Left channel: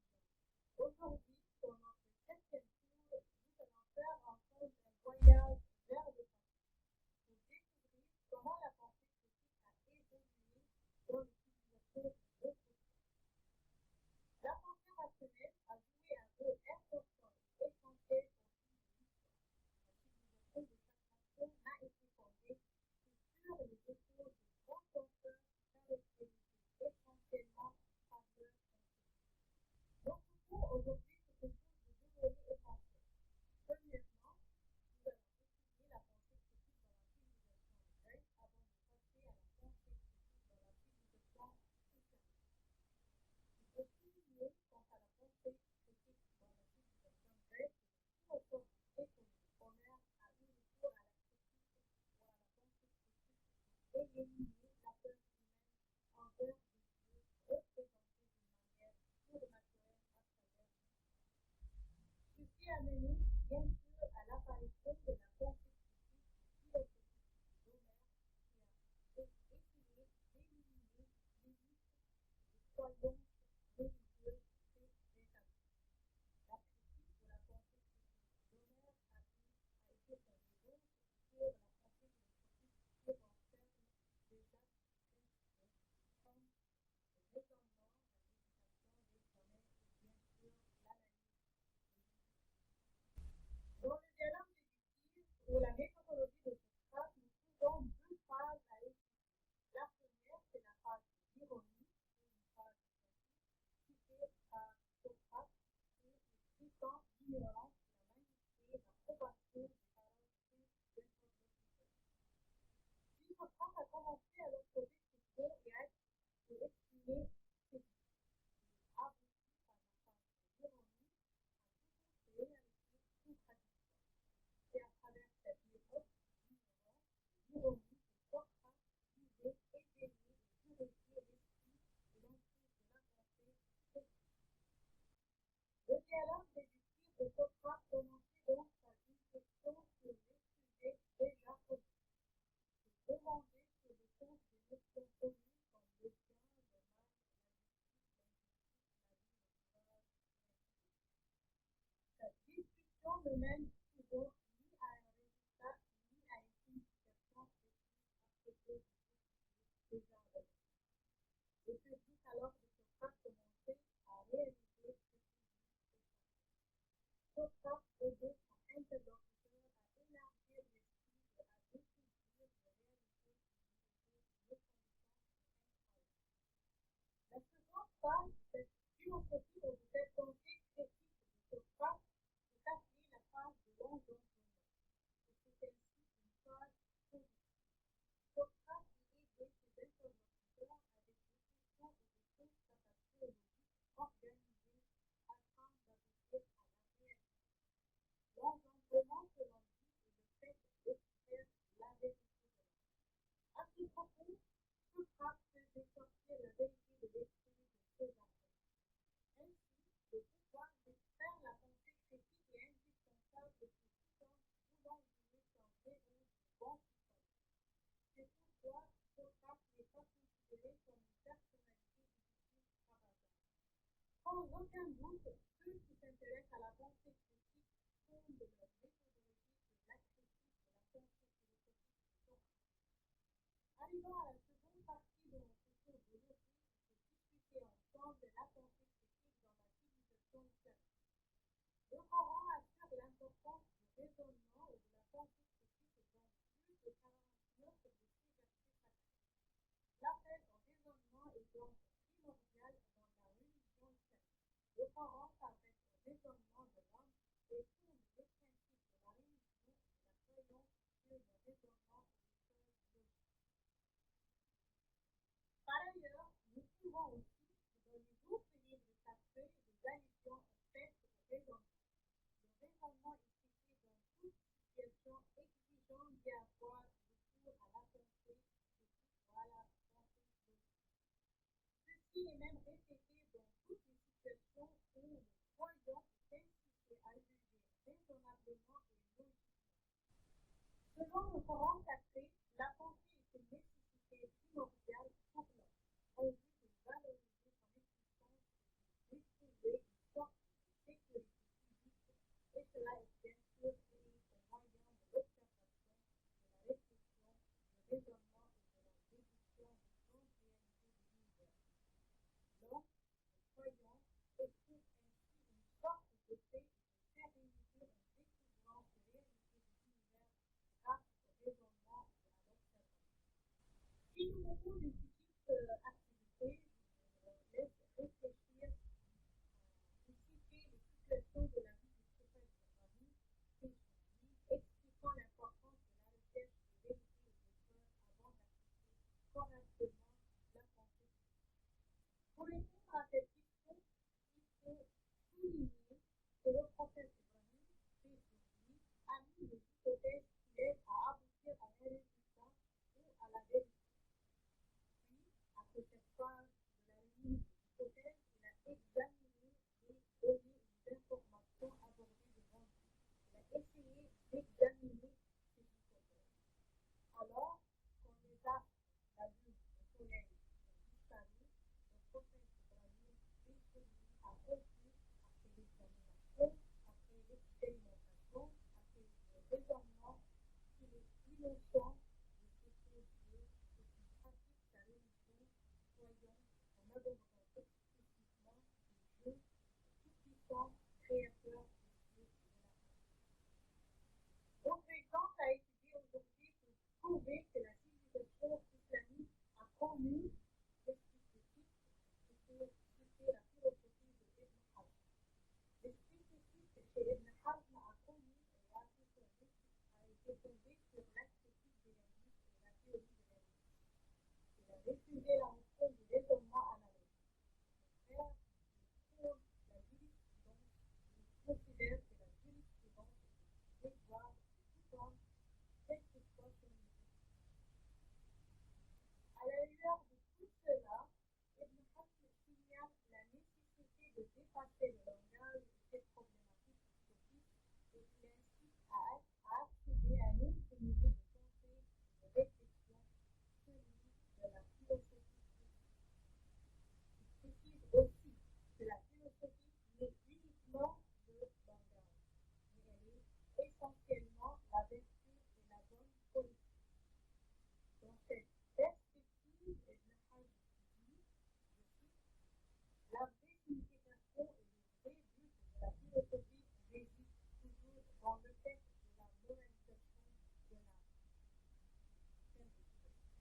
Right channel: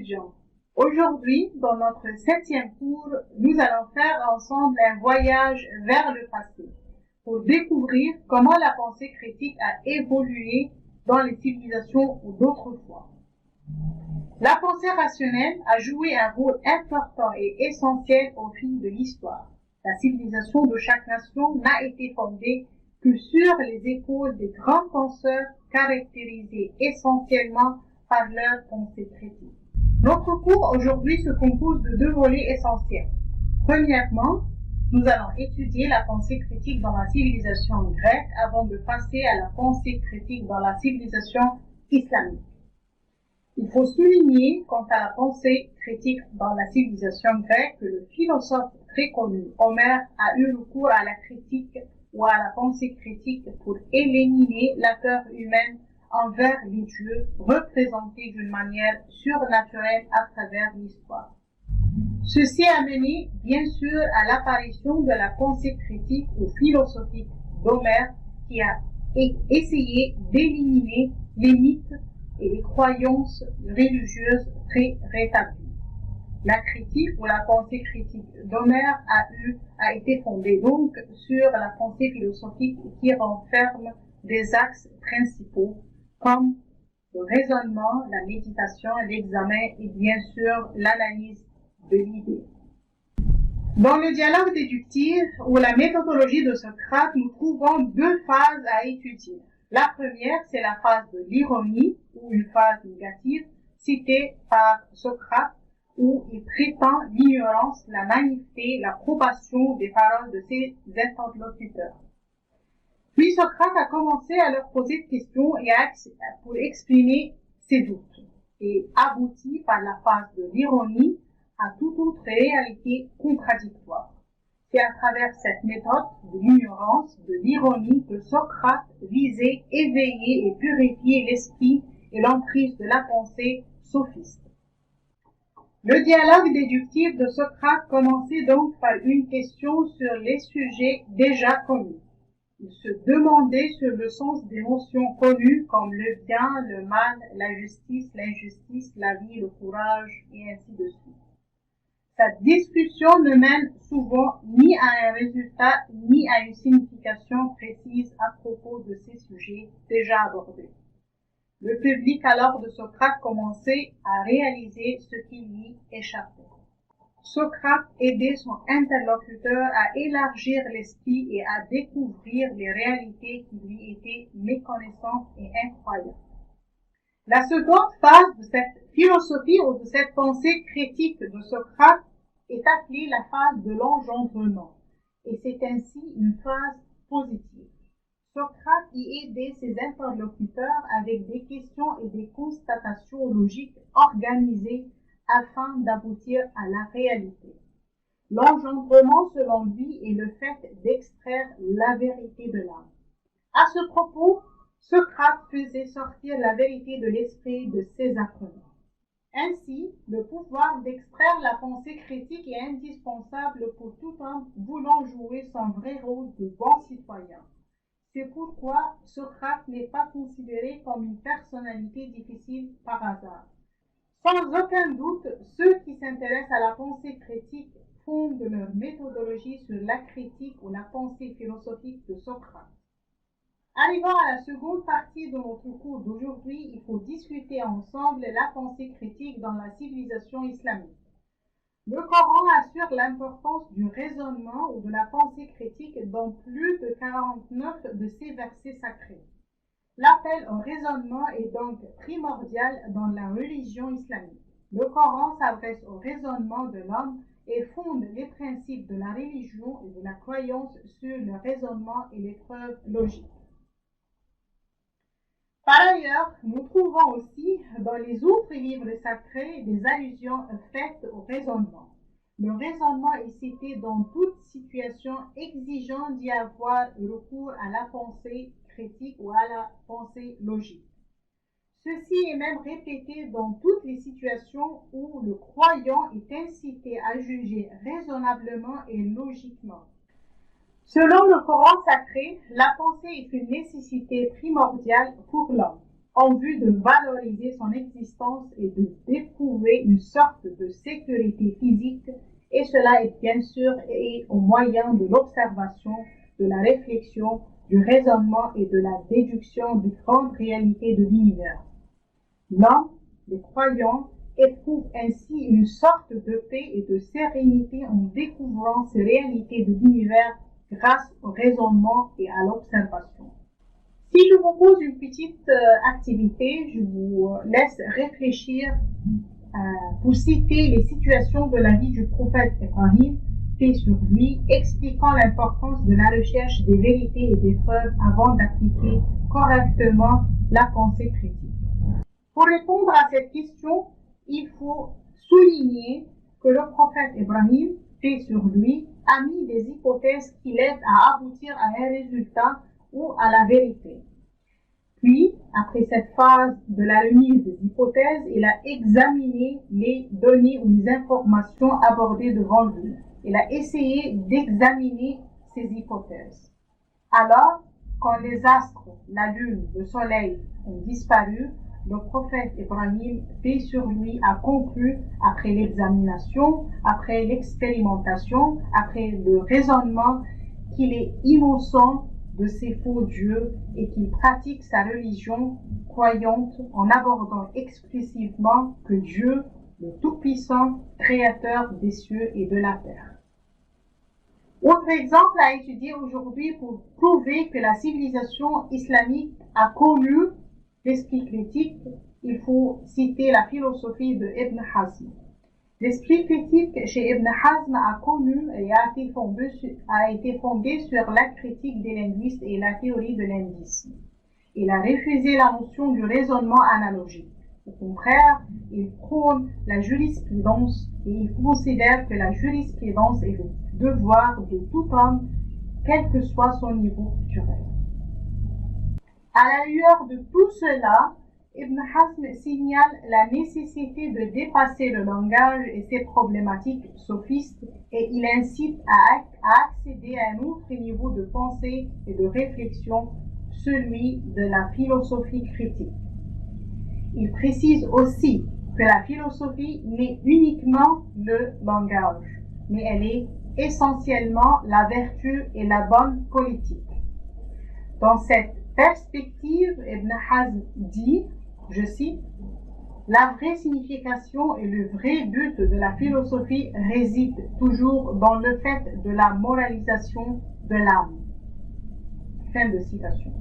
étudiants. Aujourd'hui, dans notre 7e cours, nous allons faire ensemble un voyage vers le passé pour découvrir comment la pensée critique a évolué dans les civilisations d'autrefois. La pensée rationnelle a joué un rôle important et essentiel au fil de l'histoire. La civilisation de chaque nation n'a été fondée que sur les épaules des grands penseurs caractérisés essentiellement par leur pensée critique. Notre cours aujourd'hui se compose de 2 volets essentiels. Premièrement, nous allons étudier la pensée critique dans la civilisation grecque avant de passer à la pensée critique dans la civilisation islamique. Il faut souligner quant à la pensée critique dans la civilisation grecque que le philosophe très connu Homère a eu recours à la critique ou à la pensée critique pour éliminer la peur humaine envers les dieux représentés d'une manière surnaturelle à travers l'histoire. Ceci a mené, bien sûr, à l'apparition de la pensée critique ou philosophique d'Homère qui a essayé d'éliminer les mythes et les croyances religieuses très rétablies. La critique ou la pensée critique d'Homère a été fondée donc sur la pensée philosophique qui renferme des axes principaux comme le raisonnement, la méditation, l'examen et bien sûr l'analyse de l'idée. Dans le dialogue déductif ou la méthodologie de Socrate, nous trouvons 2 phases à étudier. La première, c'est la phase de l'ironie ou une phase négative citée par Socrate où il prétend l'ignorance, la naïveté, l'approbation des paroles de ses interlocuteurs. Puis Socrate a commencé à leur poser des questions pour exprimer ses doutes et aboutit par la phase de l'ironie à toute autre réalité contradictoire. C'est à travers cette méthode de l'ignorance, de l'ironie, que Socrate visait éveiller et purifier l'esprit et l'emprise de la pensée sophiste. Le dialogue déductif de Socrate commençait donc par une question sur les sujets déjà connus. Il se demandait sur le sens des notions connues comme le bien, le mal, la justice, l'injustice, la vie, le courage, et ainsi de suite. Cette discussion ne mène souvent ni à un résultat ni à une signification précise à propos de ces sujets déjà abordés. Le public alors de Socrate commençait à réaliser ce qui lui échappait. Socrate aidait son interlocuteur à élargir l'esprit et à découvrir les réalités qui lui étaient méconnaissantes et incroyables. La seconde phase de cette philosophie ou de cette pensée critique de Socrate est appelée la phase de l'engendrement, et c'est ainsi une phase positive. Socrate y aidait ses interlocuteurs avec des questions et des constatations logiques organisées afin d'aboutir à la réalité. L'engendrement, selon lui, est le fait d'extraire la vérité de l'âme. À ce propos, Socrate faisait sortir la vérité de l'esprit de ses apprenants. Ainsi, le pouvoir d'extraire la pensée critique est indispensable pour tout homme voulant jouer son vrai rôle de bon citoyen. C'est pourquoi Socrate n'est pas considéré comme une personnalité difficile par hasard. Sans aucun doute, ceux qui s'intéressent à la pensée critique fondent leur méthodologie sur la critique ou la pensée philosophique de Socrate. Arrivant à la seconde partie de notre cours d'aujourd'hui, il faut discuter ensemble la pensée critique dans la civilisation islamique. Le Coran assure l'importance du raisonnement ou de la pensée critique dans plus de 49 de ses versets sacrés. L'appel au raisonnement est donc primordial dans la religion islamique. Le Coran s'adresse au raisonnement de l'homme et fonde les principes de la religion et de la croyance sur le raisonnement et les preuves logiques. Par ailleurs, nous trouvons aussi dans les autres livres sacrés des allusions faites au raisonnement. Le raisonnement est cité dans toute situation exigeant d'y avoir recours à la pensée critique ou à la pensée logique. Ceci est même répété dans toutes les situations où le croyant est incité à juger raisonnablement et logiquement. Selon le Coran sacré, la pensée est une nécessité primordiale pour l'homme. en vue de valoriser son existence et de d'éprouver une sorte de sécurité physique, et cela est bien sûr au moyen de l'observation, de la réflexion, du raisonnement et de la déduction des grandes réalités de l'univers. L'homme, le croyant, éprouve ainsi une sorte de paix et de sérénité en découvrant ces réalités de l'univers grâce au raisonnement et à l'observation. Si je vous pose une petite activité, je vous laisse réfléchir pour citer les situations de la vie du prophète Ibrahim, fait sur lui, expliquant l'importance de la recherche des vérités et des preuves avant d'appliquer correctement la pensée critique. Pour répondre à cette question, il faut souligner que le prophète Ibrahim, fait sur lui, a mis des hypothèses qui l'aident à aboutir à un résultat ou à la vérité. Puis, après cette phase de la remise des hypothèses, il a examiné les données ou les informations abordées devant lui. Il a essayé d'examiner ces hypothèses. Alors, quand les astres, la lune, le soleil ont disparu, le prophète Ibrahim, paix sur lui, a conclu, après l'examination, après l'expérimentation, après le raisonnement, qu'il est innocent de ces faux dieux et qu'il pratique sa religion croyante en abordant exclusivement que Dieu, le Tout-Puissant, créateur des cieux et de la terre. Autre exemple à étudier aujourd'hui pour prouver que la civilisation islamique a connu l'esprit critique, il faut citer la philosophie de Ibn Hazm. L'esprit critique chez Ibn Hazm a connu et a été fondé sur la critique des linguistes et la théorie de l'indisme. Il a refusé la notion du raisonnement analogique. Au contraire, il prône la jurisprudence et il considère que la jurisprudence est le devoir de tout homme, quel que soit son niveau culturel. À la lueur de tout cela, Ibn Hazm signale la nécessité de dépasser le langage et ses problématiques sophistes et il incite à accéder à un autre niveau de pensée et de réflexion, celui de la philosophie critique. Il précise aussi que la philosophie n'est uniquement le langage, mais elle est essentiellement la vertu et la bonne politique. Dans cette perspective, Ibn Hazm dit, je cite, « La vraie signification et le vrai but de la philosophie résident toujours dans le fait de la moralisation de l'âme. » Fin de citation.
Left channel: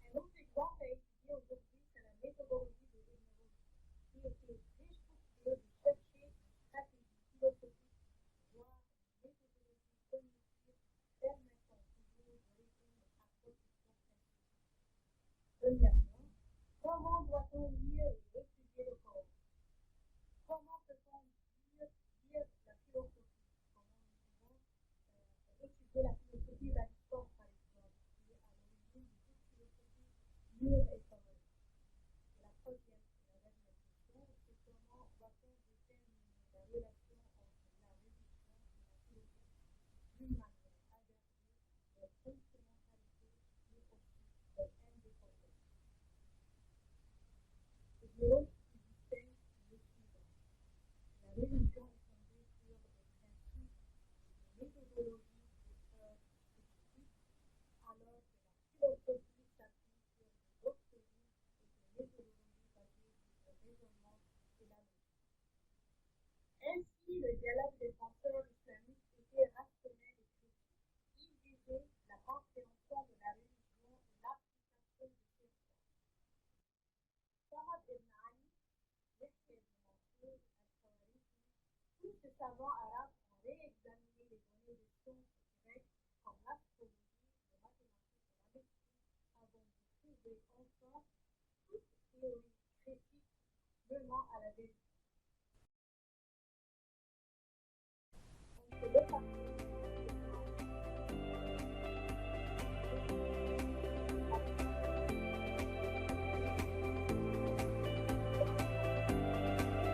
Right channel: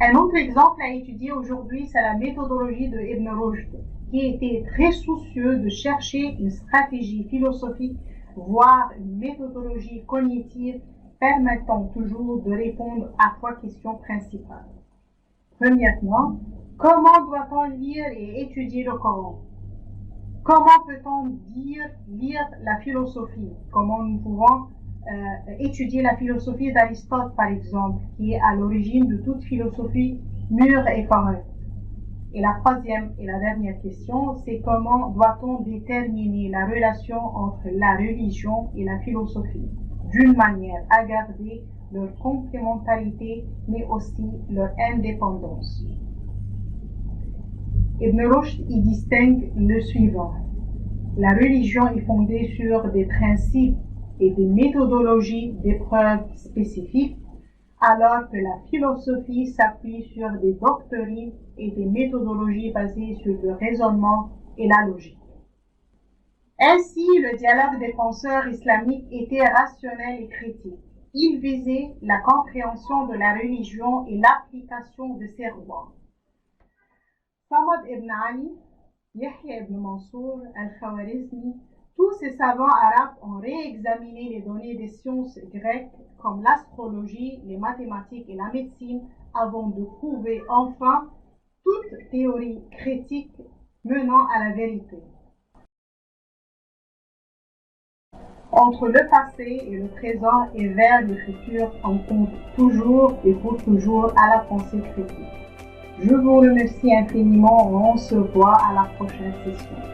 Un autre exemple à étudier aujourd'hui, c'est la méthodologie de Ibn Rushd, qui était très soucieux de chercher une stratégie philosophique, voire une méthodologie cognitive permettant toujours de répondre à trois questions principales. Premièrement, comment doit-on lire et étudier le Coran? Comment peut-on lire la philosophie? Comment nous pouvons étudier la philosophie d'Aristote, par exemple, qui est à l'origine de toute philosophie mûre et correcte? Et la troisième et la dernière question, c'est comment doit-on déterminer la relation entre la religion et la philosophie, d'une manière à garder leur complémentarité, mais aussi leur indépendance. Ibn Rushd y distingue le suivant. La religion est fondée sur des principes et des méthodologies d'épreuves spécifiques, alors que la philosophie s'appuie sur des doctrines et des méthodologies basées sur le raisonnement et la logique. Ainsi, le dialogue des penseurs islamiques était rationnel et critique. Il visait la compréhension de la religion et l'application de ses lois. Samad ibn Ali, Yahya ibn Mansour, Al-Khawarizmi, tous ces savants arabes ont réexaminé les données des sciences grecques comme l'astrologie, les mathématiques et la médecine avant de prouver enfin toute théorie critique menant à la vérité. Entre le passé et le présent et vers le futur, on compte toujours et faut toujours à la pensée critique. Je vous remercie infiniment et on se voit à la prochaine session.